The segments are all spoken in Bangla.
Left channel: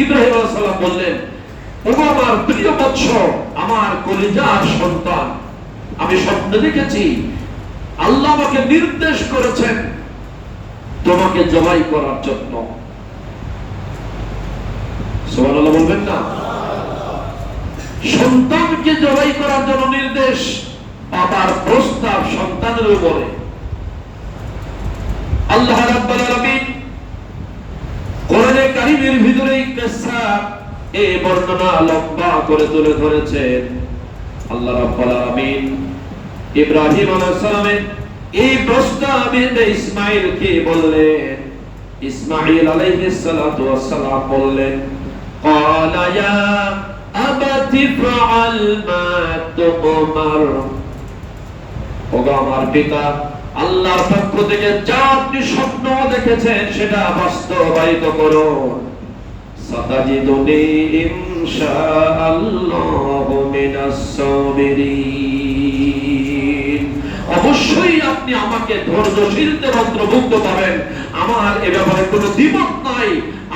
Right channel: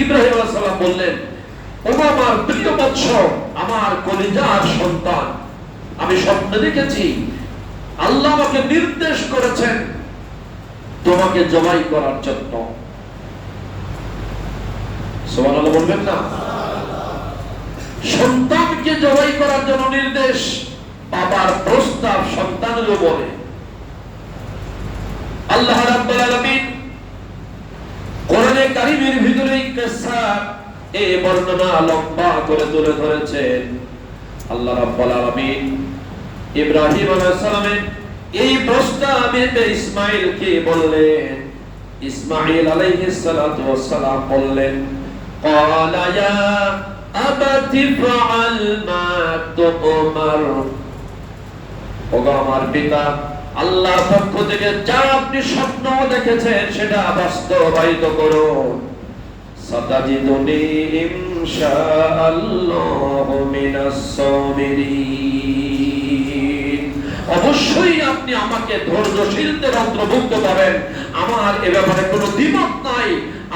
ইব্রাহিম আলাইহিস সালাম বললেন, ও আমার প্রিয় বৎস, আমার কলিজার সন্তান, আমি স্বপ্নে দেখেছি আল্লাহ আমাকে নির্দেশ করেছেন তোমাকে জবাই করার জন্য। সুবহানাল্লাহ বলবেন না? সন্তানকে জবাই করার জন্য নির্দেশ, বাবার প্রস্তাব সন্তানের উপরে। আল্লাহ রাব্বুল আলামিন কোরআনে কারীমের ভিতরে এই কিসসা, এই বর্ণনা লম্বা করে তুলে ধরেছেন। আল্লাহ রাব্বুল আলামিন ইব্রাহিম আলাইহিস সালামের এই প্রস্তাবে ইসমাঈলকে বললেন, ইসমাঈল আলাইহিস সালাতু ওয়াস সালাম বললেন, ক্বালা ইয়া আবাতি ফাআল মা তুমার, ওগো আমার পিতা, আল্লাহর পক্ষ থেকে যা আপনি স্বপ্ন দেখেছেন সেটা বাস্তবায়িত করুন। সাতাজিদুনি ইনশাআল্লাহু মিনাস সাবিরিন, অবশ্যই আপনি আমাকে ধৈর্যশীলদের অন্তর্ভুক্ত করেন। আমার এ ব্যাপারে কোনো দ্বিমত নাই।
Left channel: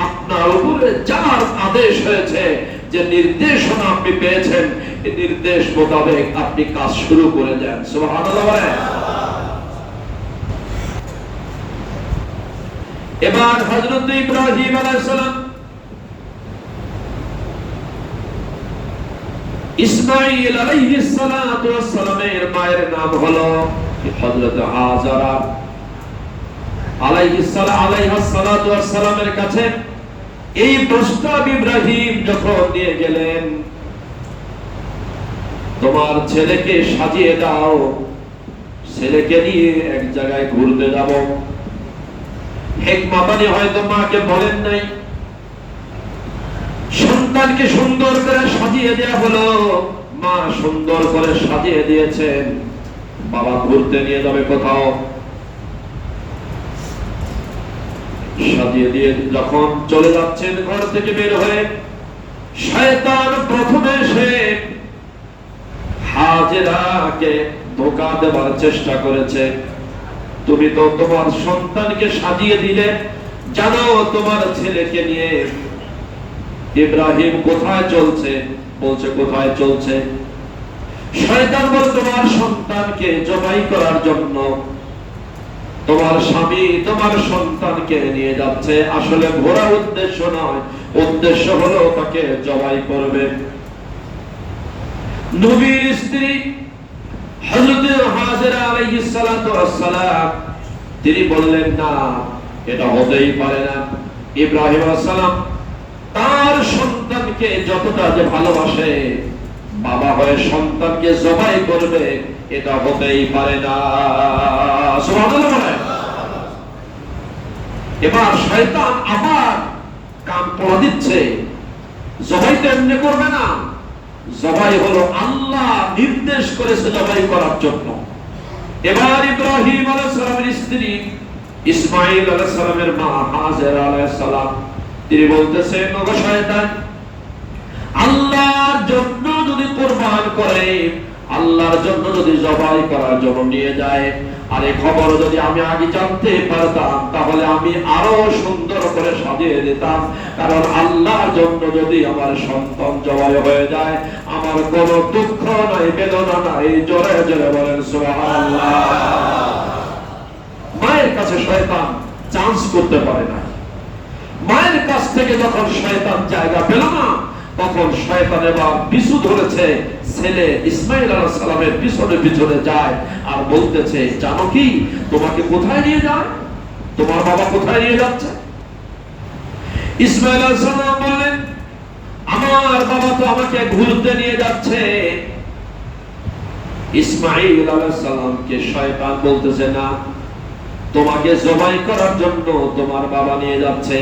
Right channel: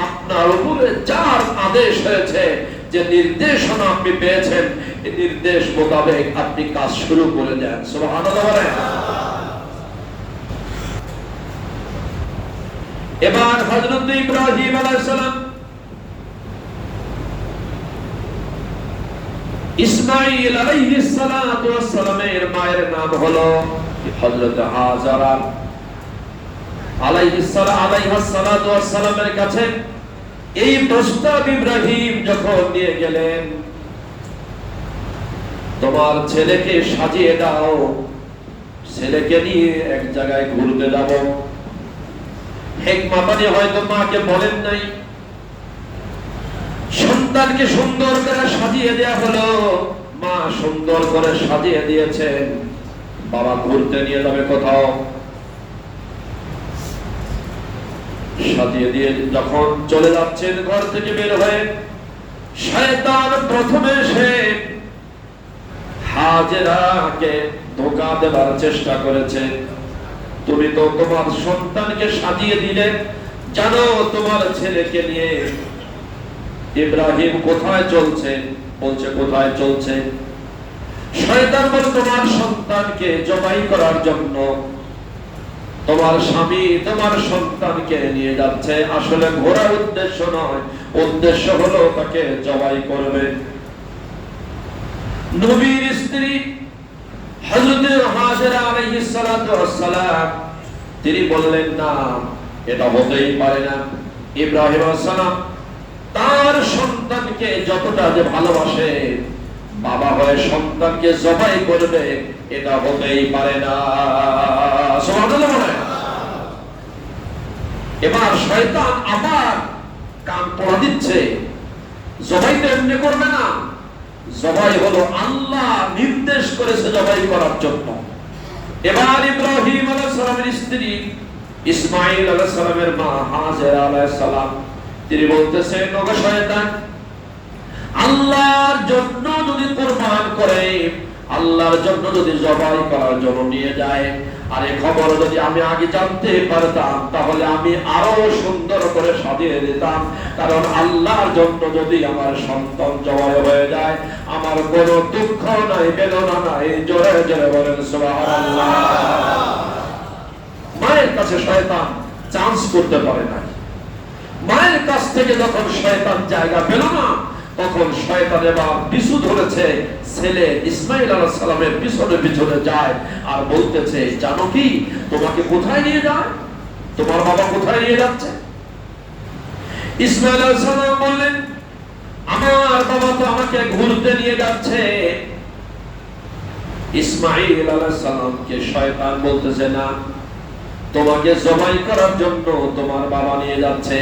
আপনার উপরে যার আদেশ হয়েছে, যে নির্দেশনা আপনি পেয়েছেন, এই নির্দেশ মোতাবেক আপনি কাজ শুরু করে যান। সুবহানাল্লাহ। এবার হযরত ইব্রাহিম আলাইহিস সালাম ইসমাঈল আলাইহিস সালাতু ওয়াস সালামের মায়ের নাম হলো হযরত হাজারা আলাইহিস সালাতু ওয়াস সালামের কাছে এই প্রস্তাব ইব্রাহিম যখন নিয়ে গেলেন, তোমার ছেলেকে সাজিয়ে দাও, ছেলেকে নিয়ে এক জায়গায় ঘুরতে যাব। হিকমা মানে হয়তো মাকে বলেন নাই, সন্তানকে সুন্দর করে সাজিয়ে দেয়া হলো, মা সুন্দর করে সাজিয়ে দিয়েছেন। বাবা ঘুরতে নিয়ে যাবে কোথাও, সাজিয়ে দিয়ে যখন চলে যাচ্ছেন ঘর থেকে বের হয়ে, শয়তান প্রথমে এসে হাজেরাকে ধোঁকা দেওয়ার চেষ্টা করেছে। তুমি তো তোমার সন্তানকে সাজিয়ে দিলে, জানো তোমার ছেলেকে নিয়ে ইব্রাহিম কোথায় চলছে? বলছে কোথায় চলছে? শয়তান বলে তোমার সন্তানকে জবাই করার জন্য তোমার স্বামী তোমার সন্তানকে নিয়ে যাচ্ছে। আসলে ঘোরা উদ্দেশ্য নয়, উদ্দেশ্য হলো তাকে জবাই করবে। নবীর স্ত্রী হযরত হাজেরা আলাইহিস সালাতু ওয়াস সালাম তিনি বললেন, না, এটা হতেই পারে না। ইব্রাহিম আলাইহিস সালাম তার সন্তানকে যতটা যে ভালোবাসে, বাবা হয়ে সন্তানকে জবাই করবে, এটা হতেই পারে না। সুবহানাল্লাহ। এবার শয়তান আবার কান পড়া দিচ্ছে, জবাই তো এমনি করবে না, জবাই হলো আল্লাহ নির্দেশ করেছে জবাই করার জন্য। এবার ইব্রাহিম আলাইহিস সালামের স্ত্রী ইসমাঈল আলাইহিস সালামের মা হাজেরা আলাইহিস সালাম তিনি বলতেছেন, ওগো শয়তান, আল্লাহর জন্য যদি কুরবান করে, আল্লাহর জন্য যদি জবাই করার জন্য নিয়ে যায়, আর এই খবর যদি আমি আগে জানতে পারতাম, তাহলে আমি আরো সুন্দর করে সাজিয়ে দিতাম। কারণ আল্লাহর জন্য যদি আমার সন্তান জবাই হয়ে যায়, আমার কোনো দুঃখ নাই, বেদনা নাই। জোরে জোরে বলেন সুবহানাল্লাহ। মায়ের কাছে শয়তান চান্স করতে পারে না। মায়ের কাছ থেকে যখন শয়তান জায়গা পেল না, তখন শয়তান এবার পিছু ধরেছে, ছেলে ইসমাঈল আলাইহিস সালামের পিছনে পিছনে যায় আর বলতেছে, জানো কি তোমাকে কোথায় নিয়ে যায়? তোমার বাবা কোথায় নিয়ে যাচ্ছে? ইসমাঈল আলাইহিস সালাম বললেন, আমার বাবা তো আমাকে ঘুরতে নিয়ে যাচ্ছে। ইসমাঈল আলাইহিস সালামকে শয়তান বলতেছে, না, তোমাকে জবাই করার জন্য তোমার বাবা নিয়ে যাচ্ছে।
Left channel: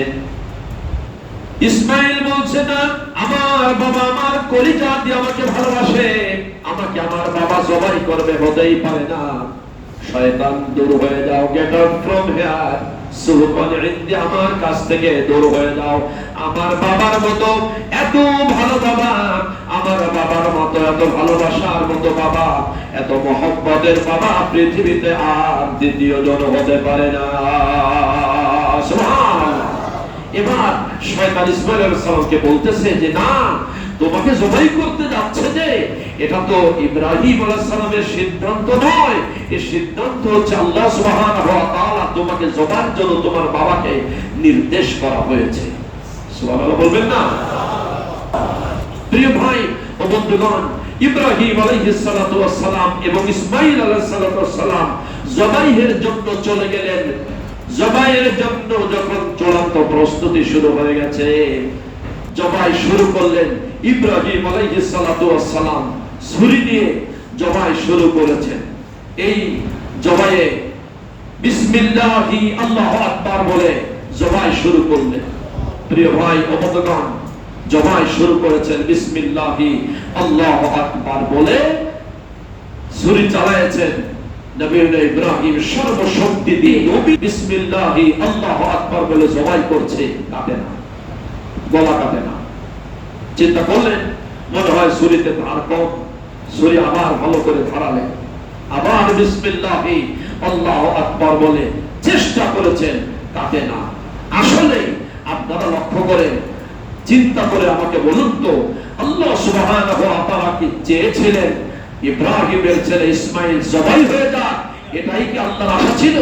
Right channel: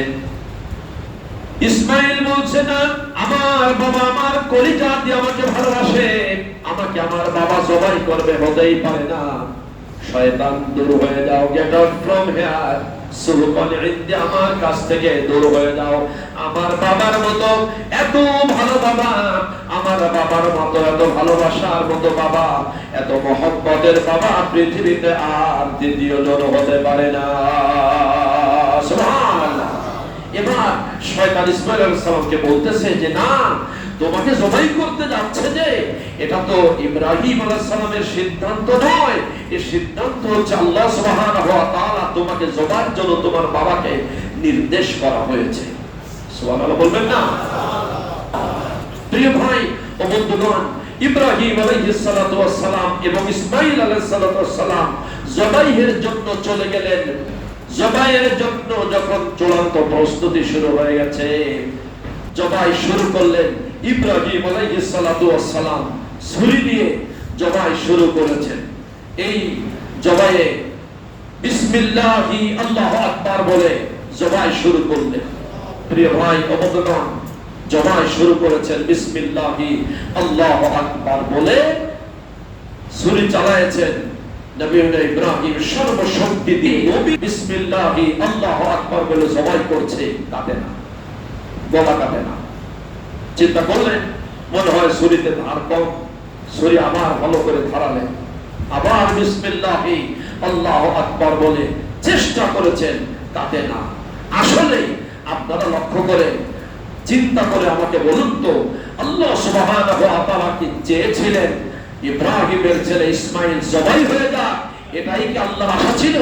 ইসমাঈল বলছে, না, আমার বাবা আমার কলিজা দিয়ে আমাকে ভালোবাসে, আমাকে আমার বাবা জবাই করবে, হতেই পারে না। শয়তান, দূর হয়ে যাও, গেট আউট ফ্রম হিয়ার, সুবহান ইন্দি, আমার কাছ থেকে দূর হয়ে যাও। আমার বাবার মতো এত ভালো বাবা, আমার বাবার মতো এত ভালোবাসার মতো বাবা, এত মহব্বতের বাবা পৃথিবীতে আর দ্বিতীয় জন হতে পারে না। সুবহানাল্লাহ। এবার শয়তান ইসমাঈল আলাইহিস সালামকে বলতেছে যে না, তোমাকে জবাই করতে যাচ্ছে যে এটা তো ইব্রাহিম আলাইহিস সালামের সিদ্ধান্ত নয়, এই সিদ্ধান্ত হচ্ছে আল্লাহ সুবহানাহু ওয়া তাআলা তোমাকে জবাইয়ের জন্য তোমার বাবাকে নির্দেশ করা হয়েছে। সুবহানাল্লাহ বলবেন না? প্রিয় ভাই ও বন্ধুগণ, ইব্রাহিম আলাইহিস সালাতু ওয়াস সালাম এবং ইসমাঈল আলাইহিস সালাতু ওয়াস সালাম জবাইয়ের জন্য চলে গেলেন। জবাইয়ের জন্য যখন চূড়ান্ত প্রস্তুতি শুরু হয়ে গেছে, জবাই শুরু করলেন। ইব্রাহিম আলাইহিস সালাতু ওয়াস সালাম ছুরি দিয়ে জবাই শুরু করেছেন। এই জবাইয়ে বিসমিল্লাহি আল্লাহু আকবার বলে জবাই শুরু করলেন। প্রিয় ভাই ও বন্ধুগণ, জবাই শুরু করেছেন বিসমিল্লাহি আল্লাহু আকবার বলে, ছুরি চালায়েছেন। নবী ইব্রাহিম সর্বশক্তি দিয়ে বিসমিল্লাহি আল্লাহু আকবার বলে জবাই করছে, কাটে না, গলা কাটে না। চিন্তা করলেন মনে হয় ছুরিতে ধার কম, ছুরি আবার ভালো করে ধারালেন, আবার বিসমিল্লাহি আল্লাহু আকবার বলে চেষ্টা করেছেন, কাটে না। আসলে আপনারা লক্ষ্য করে চিন্তা করে আমাকে বলুন তো, আল্লাহ সুবহানাহু ওয়া তাআলা কি চেয়েছিলেন ইব্রাহিমের ছেলে ইসমাঈল জবাই হয়ে যাক? এটাই কি আল্লাহর আশা ছিল?